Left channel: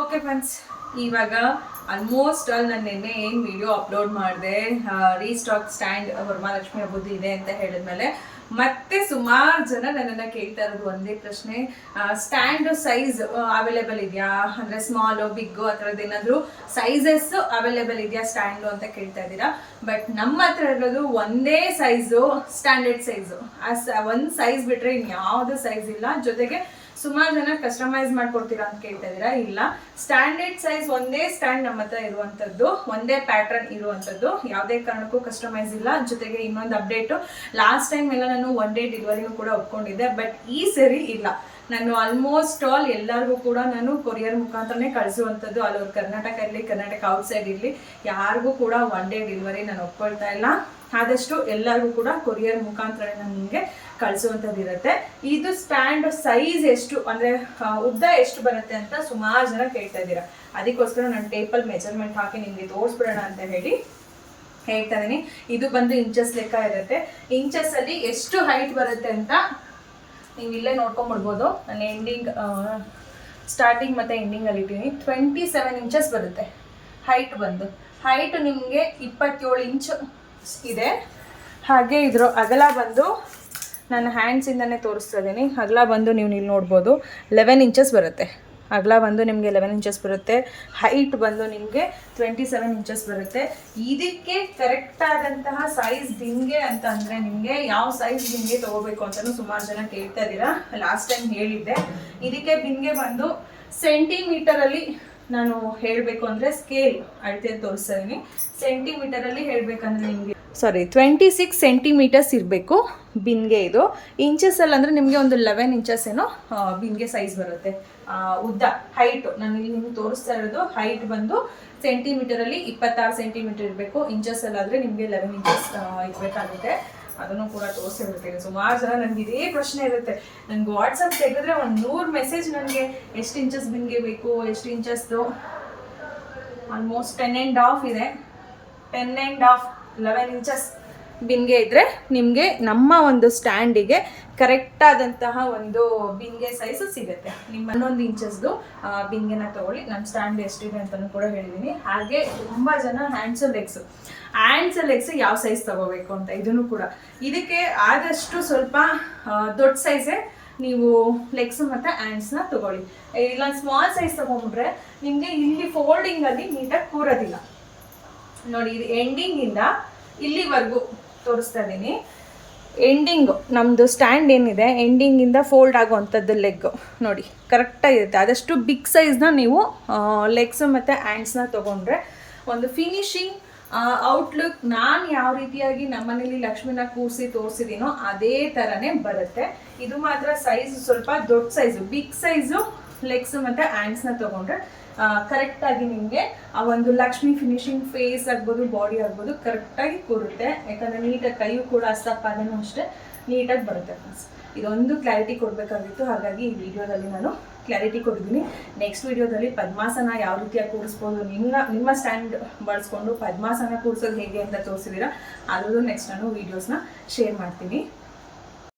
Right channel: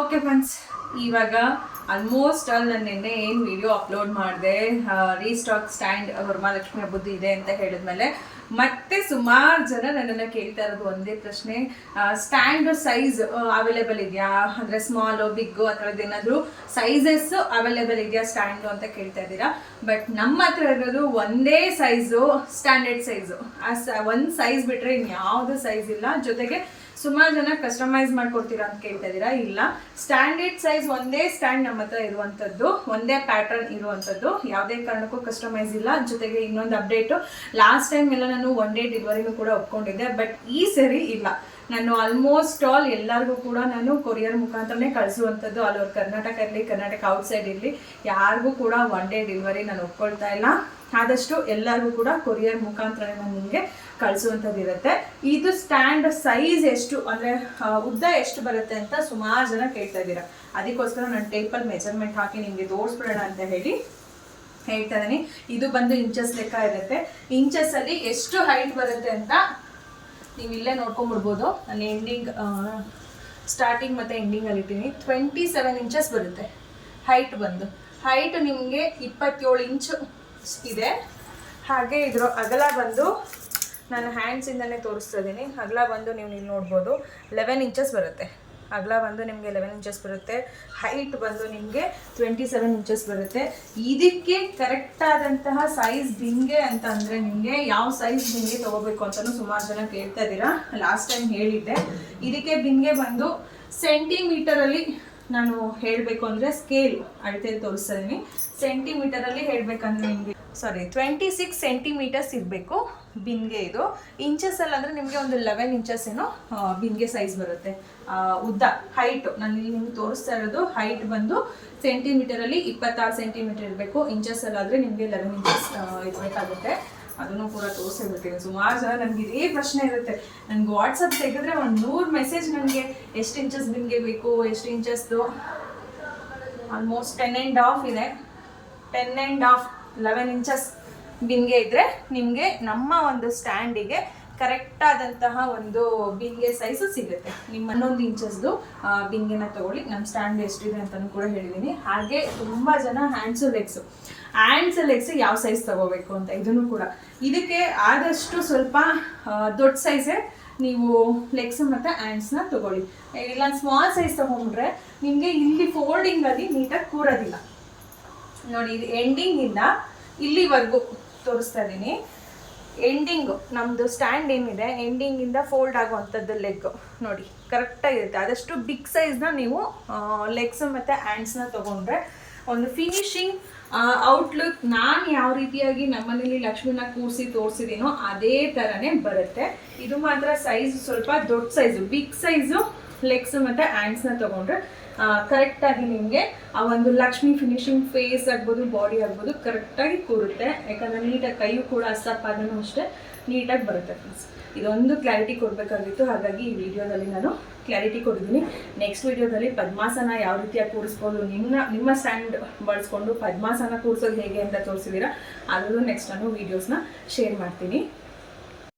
Okay friends, ಇವಾಗ almost all ನಾನು ನಿನ್ನೆ ಏನು ವಿಡಿಯೋ ಅಪ್ಲೋಡ್ ಮಾಡಿದೆ ರೀಸ್ಟಾಕ್ ಸ್ಟ್ಯಾಂಡ್ ವರಮಹಾಲಕ್ಷ್ಮಿ ಹಬ್ಬದ್ದು ಇದೆ ಅಂತ ಹೇಳಿದ್ಮೇಲೆ ಮತ್ತೆ ಸುಮಾರು ಜನ ನನ್ನನ್ನು ಕೇಳ್ತಾ ಇರೋದು ಒಂದೇ ಪ್ರಶ್ನೆ, ಸ್ಟ್ಯಾಂಡ್ ಸೈಜ್ ಅವೈಲೇಬಲ್ ಇದೆಯಾ, ಅಂದರೆ ಸ್ಮಾಲು ಬಿಗ್ಗು ಆ ಥರದ್ದು ಏನಾದರೂ ಸೈಜಸ್ ಅವೈಲೇಬಲ್ ಇದೆಯಾ ಸ್ಟ್ಯಾಂಡು ಅಂತ ಕೇಳ್ತಾ ಇದ್ದೀರಾ. ಬಟ್ ನಮ್ಮ ಹತ್ರ ಇರೋದು ಒಂದೇ ಸೈಜು, ಸ್ಟ್ಯಾಂಡರ್ಡ್ ಸೈಜು. ಒಂದು ಸೈಜ್ ಬಿಟ್ಟರೆ ಇನ್ಯಾವುದು ಸೈಜ್ ಇಲ್ಲ. ಜೊತೆಗೆ ಸುಮಾರು ಜನ ಕಸ್ಟಮೈಸ್ ಮಾಡ್ಕೊಡ್ತೀರಾ ಅಂತ ಕೇಳ್ತಾ ಇದ್ದೀರಾ. ಇಲ್ಲ, ಸ್ಟ್ಯಾಂಡರ್ಡ್ ಸೈಜ್ ಒಂದೇ ಸ್ಟ್ಯಾಂಡ್ ನಮ್ಮ ಹತ್ರ ಇರುವಂಥದ್ದು, ಒಂದೇ ಪ್ಯಾಟರ್ನ್ ಇರುವಂಥದ್ದು, ಯಾವುದೇ ಕಾರಣಕ್ಕೂ ಕಸ್ಟಮೈಸ್ ಇಲ್ಲ. ಜೊತೆಗೆ ಇನ್ನೊಂದು ಅಪ್ಡೇಟು, ಲಾಸ್ಟ್ ಟೈಮ್ ಎಲ್ಲ ನಾನು ಒನ್ ಡೇ ಡೆಲಿವರಿನೂ ಕೂಡ ಒಪ್ಕೊಂಡಿದ್ದೆ. ಬಟ್ ಈ ಸರಿ ಇಲ್ಲ, ನಾನು ಆಲ್ಮೋಸ್ಟ್ ಆಲ್ ಎಲ್ಲರಿಗೂ ಕೂಡ ನಾನು ಕೊರಿಯರ್ ಮುಖಾಂತರನೇ ಕಳಿಸುವಂಥದ್ದು. ಆಲ್ ಓವರ್ ಕರ್ನಾಟಕ ಇರಲಿ, ಕರ್ನಾಟಕ ಔಟ್ಸೈಡ್ ಇರಲಿ, ಯಾರಿಗೂ ಕೂಡ ಒನ್ ಡೇ ಡೆಲಿವರಿ ನಾನು ಒಪ್ಕೊಳ್ತಾ ಇಲ್ಲ. ಆದಷ್ಟು ಎಲ್ಲರಿಗೂ ಕೂಡ ಕೊರಿಯರ್ ಮುಖಾಂತರ ನಾನು ನಿಮಗೆ ಕಳಿಸುವಂಥದ್ದು ಇರುತ್ತೆ. ಇದು ಸ್ಟ್ಯಾಂಡ್ ಸೈಜ್ ಎಷ್ಟು, ಅಂದರೆ ಉದ್ದ ಎಷ್ಟು ಬರುತ್ತೆ ಅಂತ ಸುಮಾರು ಜನ ಕೇಳ್ತಾ ಇದ್ದೀರಾ. ಅದಕ್ಕೋಸ್ಕರ ನಾನು ಟೇಪಲ್ಲಿ ಮೆಜರ್ಮೆಂಟ್ ಹಾಕಿ ನಿಮಗೆ ತೋರಿಸ್ಬಿಡೋಣ ಅಂತ ಹೇಳಿ ಹೇಳ್ತಾ ಇದ್ದೀನಿ. ಇದು ಬಂದು ಇಂಚಸ್ ಲೆಕ್ಕ ಇರುತ್ತೆ. ಇಂಚಸ್ಸಲ್ಲಿ ಎಷ್ಟು ಹೈಟ್ ಬರುತ್ತೆ ಅಂತ ನೀವು ಇಲ್ಲೇ ನೋಡ್ಕೊಂಬಿಡ್ಬೋದು. ನಾನು ಎಂಡಿಂಗ್ ಸ್ಟಾರ್ಟಿಂಗ್ ಮತ್ತು ಎಂಡಿಂಗಲ್ಲಿ ಇದ್ದೀನಿ. 27 ಇಂಚಸ್ ಬರುತ್ತೆ ಹೈಟ್ ಬಂದು. ಹೈಟ್ ನಿಮಗೆ 27 ಇಂಚು ಇದೆ. ಹಾಗೆ ಇದ್ರ ಅಗಲ ಬಂದು ನಾನು ಹ್ಯಾಂಡ್ಸಿಂದನೇ ತೋರಿಸ್ತಾ ಇದ್ದೀನಿ. ಅಗಲ ಬಂದು ನೀವು ಇಲ್ಲಿ ನೋಡ್ಬೋದು 11 ಇಂಚಸ್ ಬರುತ್ತೆ. ಅಗಲ ಬಂದು ನಿಮಗೆ 11 ಇಂಚಸ್ ಬರುತ್ತೆ. ಹೈಟ್ ಬಂದು ನಿಮಗೆ 27 ಇಂಚಸ್ ಬರುತ್ತೆ. ಇದಕ್ಕೆ ಕರೆಕ್ಟಾದಂತಹ ಸೈಜ್ ಬಿಂಗೆ ಅಂತಂದರೆ ನಿಮಗೆ ಯಾವ ಸೈಜ್ ಬಿಂಗೆ ತೊಗೋಬೇಕು ಅಂತಲೂ ಸುಮಾರು ಜನ ಕೇಳ್ತಾ ಇದ್ದೀರಾ. ಲಾಸ್ಟ್ ಟೈಮ್ ಹೇಳಿದ್ದೆ. ಇದಕ್ಕೆ ಬಿಂಗೆ ಬಂದು ಸೆಂಟಿಮೀಟರಲ್ಲಿ ನಾನು ಹೇಳಬೇಕು ಅಂದರೆ ಸ್ಕೇಲ್ ಅಳತೆಯಲ್ಲಿ ತೋರಿಸ್ತಾ ಇದ್ದೀನಿ. ಸೆಂಟಿಮೀಟರಲ್ಲಿ ಹೇಳಬೇಕಂದ್ರೆ ನಿಮಗೆ 26 ಸೆಂಟಿಮೀಟರ್ಸ್ ಇರಬೇಕು ಬಿನ್ಗೆ. ಇದು ಇಂಚಸ್ಸಲ್ಲಿ ಅಂದರೆ ನಿಮಗೆ ಒಂದು 11 ಇಂಚಸ್ ಏನೋ ಬಿನ್ಗೆ ಸೈಜ್ ಬರುತ್ತೆ. ಉದ್ದ ಹೈಟು ನಾನು ಇಲ್ಲಿ ನಿಮ್ಗೆ ತೋರಿಸ್ತಾ ಇರೋದು ಹೈಟ್ ಬಂದು ಸೆಂಟಿಮೀಟರಲ್ಲಿ 26 ಸೆಂಟಿಮೀಟರ್ ಇರಬೇಕು. ಇಂಚಸ್ಸಲ್ಲಾದರೆ ನಿಮಗೆ 11 ಇಂಚಸ್ ಇರಬೇಕಾಗುತ್ತೆ. ಅದನ್ನು ಕೂಡ ತೋರಿಸಿರ್ತೀನಿ. ಸುಮಾರು ಜನ ನನಗೆ ಇದೇ ಪ್ರಶ್ನೆ ಇರುತ್ತೆ. ನನಗೆ ವಾಟ್ಸಪ್ ತೆಗೆದ್ರೆ ಒಂದು 100 ಮೆಸೇಜ್ ನನಗೆ ಎಷ್ಟು ಇಂಚಸ್ ಬಿನ್ಗೆ ಬೇಕು, ಎಷ್ಟು ಇಂಚಸ್ದು. ಆಲ್ಮೋಸ್ಟ್ 10.5 ಇದೆ. 10.5 11 ಇಂಚಸ್ ಬಿನ್ಗೆ ಇದ್ದರೆ ನಿಮಗೆ ನಮ್ಮ ಒಂದು ಸ್ಟ್ಯಾಂಡಿಗೆ ಕರೆಕ್ಟಾದಂತಹ ಒಂದು ಬಿನ್ಗೆ ಸೈಜು ಸಿಗುತ್ತೆ. ನಿಮ್ಮ 11 ಇಂಚಸ್ದು ಬಿನ್ಗೆನ ತೊಗೊಳ್ಳಿ. ನನ್ನ ಸ್ಟ್ಯಾಂಡ್ ಎಷ್ಟಿದೆ ಅಂತಲೂ ಕೂಡ ಹೇಳಿದ್ದೀನಿ. ಹಾಗೆ ತುಂಬ ಜನ ಹ್ಯಾಂಡ್ಸು ಲೆಗ್ಸ್ ಯಾವ ಸೈಜ್ ತೊಗೋಬೇಕು ಅಂತ, ಇದನ್ನು ಕೂಡ ಇದಕ್ಕೆ ಆದಷ್ಟು ಸ್ವಲ್ಪ ದೊಡ್ಡ ಸೈಜೇ ನೀವು ಲೆಗ್ಸು ಮತ್ತು ಹ್ಯಾಂಡ್ಸ್ನ ತೊಗೊಳ್ಳಿ. ಇಲ್ಲ ಸ್ಮಾಲ್ ಸೈಜ್ ತೊಗೊಂಡ್ರೆ ನಿಮಗೆ ಇಲ್ಲಿ ಫೋಲ್ಡಿಂಗಲ್ಲಿ ನೀಟಾಗಿ ಕೂರೋದಿಲ್ಲ. ನೋಡಿ, ಇದು ಎಂಡಿಂಗಿಂದ ಇಲ್ಲಿವರೆಗೂ ತೋರಿಸ್ತಾ ಇದ್ದೀನಿ. ಎಂಡಿಂಗು ನಮ್ಮದು ಸ್ಟ್ಯಾಂಡ್ ಏನಿದೆ ಎಂಡಿಂಗಿಂದ ಫೋಲ್ಡ್ ಆಗುವಂಥದ್ದು ಲೆಗ್ಗು ನೋಡಿ ಕರೆಕ್ಟಾಗಿರುತ್ತೆ. ಆದಷ್ಟು ಬಿಗ್ ಸೈಜ್ನ ನೀವು ಲೆಗ್ಸು ಮತ್ತು ಹ್ಯಾಂಡ್ಸ್ನ ತೊಗೊಂಡ್ರೆ ಒಂದು ಫಿನಿಶಿಂಗ್ ಔಟ್ಲುಕ್ ನಾನು ಯಾವ ರೀತಿಯಾಗಿ ನಮ್ಮನೇಲಿ ಲಕ್ಷ್ಮಿನ ಕೂರಿಸಿ ತೋರಿಸಿದ್ದೀನೋ ಅದೇ ಥರನೇ ಬರುತ್ತೆ. ಇದು ಮಾತ್ರ ಸೈಜ್ ಸ್ವಲ್ಪ ದೊಡ್ಡ ಸೈಜು, ಬಿಗ್ ಸೈಜು ಲೆಗ್ಸು ಮತ್ತು ಹ್ಯಾಂಡ್ಸ್ನ ತೊಗೊಂಡ್ರೆ ಕರೆಕ್ಟಾಗಿ ನಿಮಗೆ ಆ ಒಂದು ಲಕ್ಷ್ಮಿ ಫಿನಿಶಿಂಗ್ ಫೇಸ್ ಆಗ್ಬೋದು, ಬಾಡಿ ಆಗ್ಬೋದು ಕರೆಕ್ಟಾಗಿ ಕೂರುತ್ತೆ. ಯಾಕಂದರೆ ನೀಟಾಗಿ ಕೈಯೂ ಕೂಡ ಅಷ್ಟಪಾದನೂ ಅಷ್ಟೇ ನೀಟಾಗಿ ಬರುತ್ತೆ ಫ್ರೆಂಡ್ಸ್. ಇದೊಂದು ಕ್ಲಾರಿಟಿ ಕೊಡಬೇಕಾಗಿತ್ತು, ಹಾಗಾಗಿ ಈ ವಿಡಿಯೋದಲ್ಲಿ ನಾನು ಕ್ಲಾರಿಟಿ ಕೊಟ್ಟಿದ್ದೀನಿ. ನೆಕ್ಸ್ಟ್ ವಿಡಿಯೋದಲ್ಲಿ ಪದ್ಮಾಸನ ಯಾವ ರೀತಿಯಾಗಿ ಕೂರಿಸ್ಬೋದು, ನಿಮ್ಮ ಸ್ಟ್ಯಾಂಡ್ ಬಳಸ್ಕೊಂಡು ಪದ್ಮಾಸನ ಕೂರಿಸೋದು ಹೇಗೆ ಅಂತ ತೋರಿಸಿದ್ದೀರಾ. ಅದ್ರದ್ದು ನೆಕ್ಸ್ಟ್ ನಾನು ವೀಡಿಯೋಸ್ನ ಶೇರ್ ಮಾಡ್ತೀನಿ.